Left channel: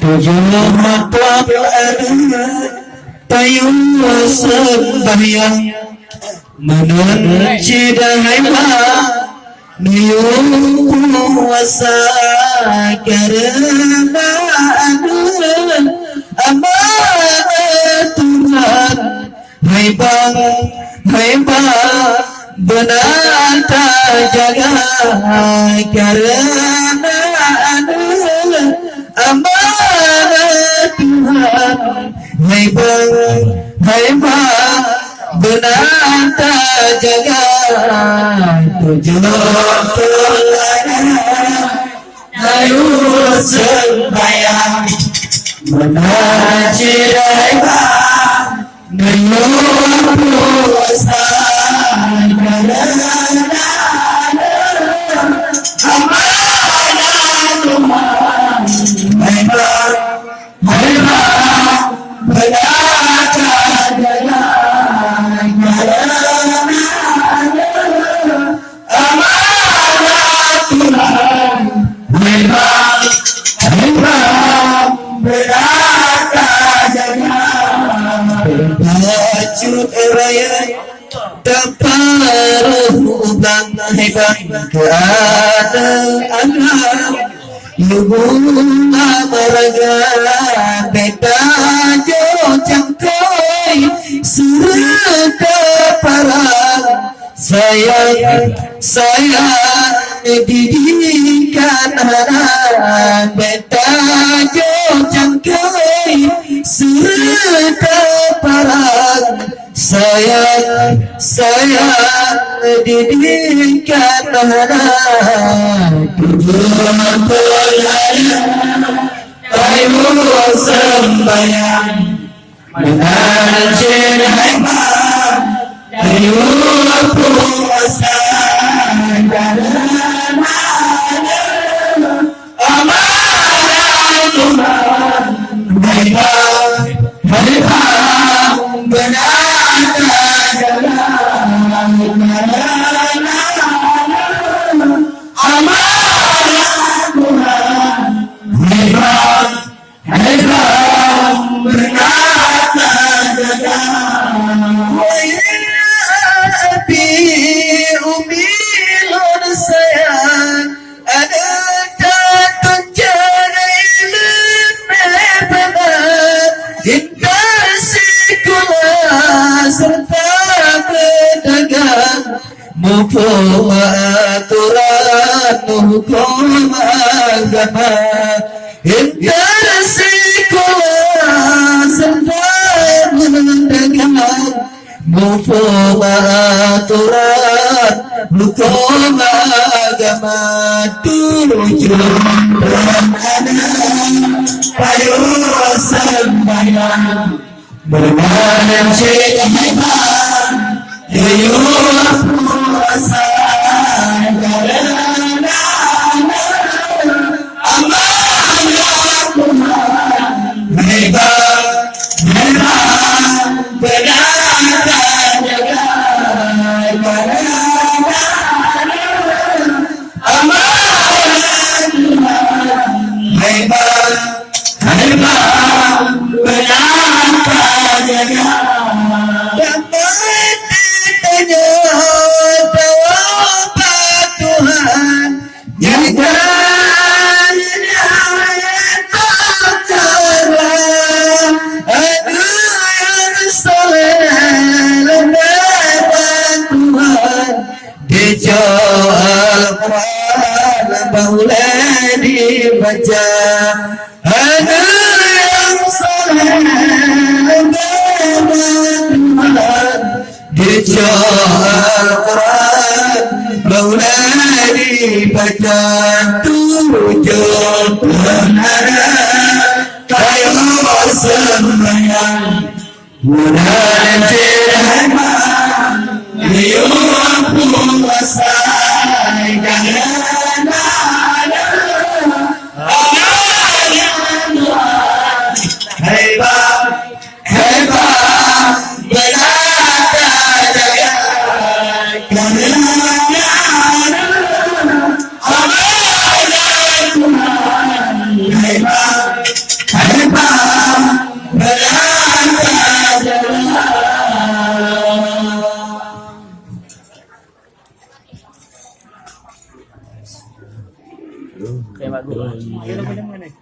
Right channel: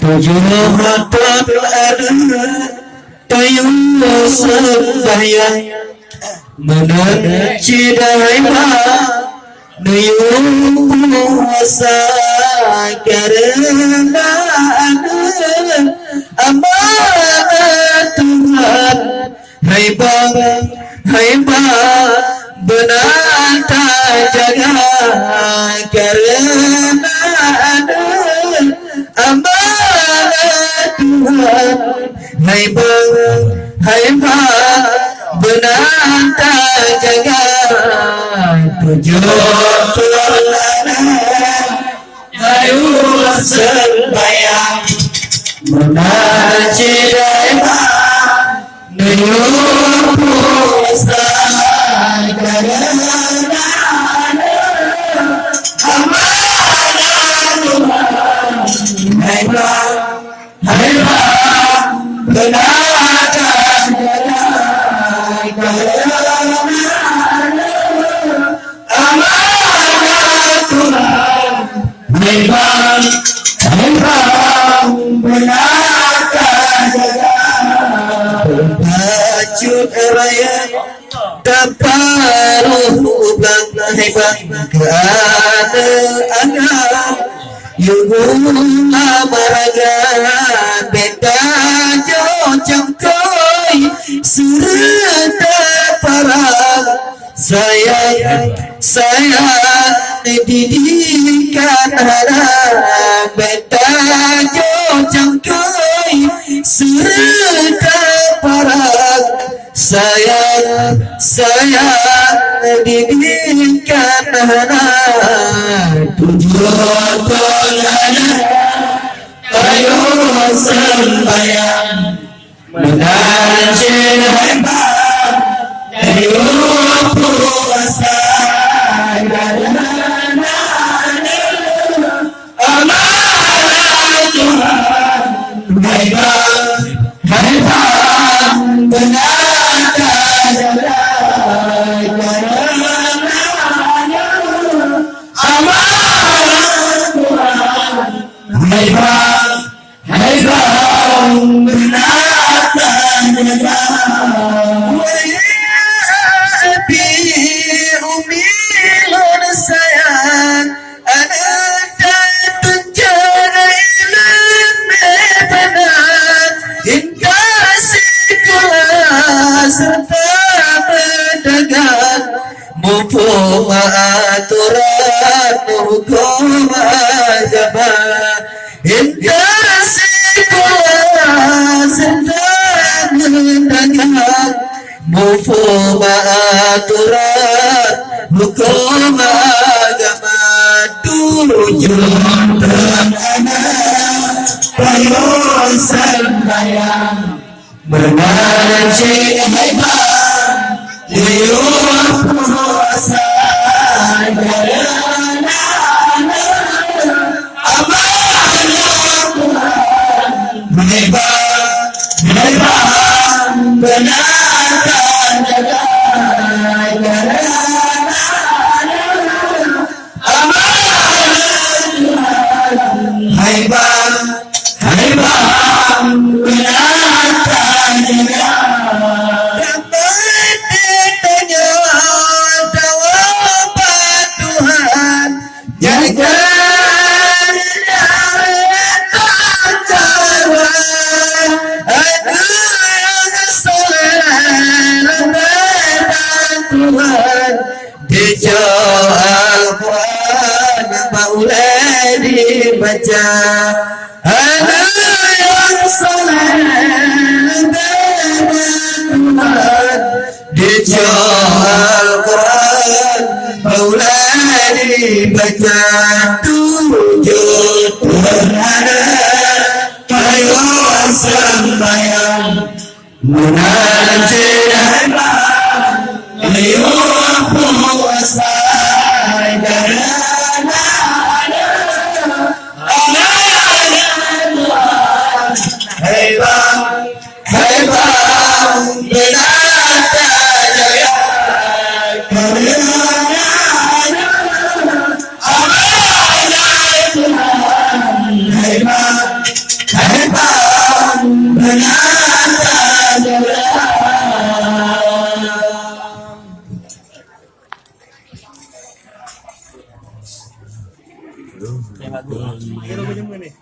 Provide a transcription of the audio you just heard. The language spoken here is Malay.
tujuh mata ada tayung sembahyang menunci daima nuyung puasa karena amanat Tuhan. Hai bang benar tak jaga karena amanat Tuhan. Hai bang benar tak jaga tujuh teladan tayung sembahyang menunci daima nuyung puasa karena amanat Tuhan. Hai bang benar tak jaga karena amanat Tuhan. Hai bang benar tak jaga baju raya terparuh ulang. Hai bang keadaan Yugula meragan beta jo cangkoi serta parang sayang didikan anak beta jo cangkoi serta parang sayang didikan anak tujuh teladan tayung sembahyang menunci daima nuyung puasa karena amanat Tuhan. Hai bang benar tak jaga karena amanat Tuhan. Hai bang benar tak jaga api umi lor sayang ada datang jarai benar indah sekolah serta pedagang mumpung aturan hukum agama indah sekolah serta pedagang mumpung aturan hukum agama tujuh teladan tayung sembahyang menunci daima nuyung puasa karena amanat Tuhan. Hai bang benar tak jaga karena amanat Tuhan. Hai bang benar tak jaga dapat ditanya tawab Tuhan jadikan acara yang soleh dan Tuhan dijauh Al-Quran boleh dibaca yang soleh dan Tuhan dijauh Al-Quran boleh dibaca tujuh teladan tayung sembahyang menunci daima nuyung puasa karena amanat Tuhan. Hai bang benar tak jaga karena amanat Tuhan. Hai Kayak lagu. Ini lagu demen nih.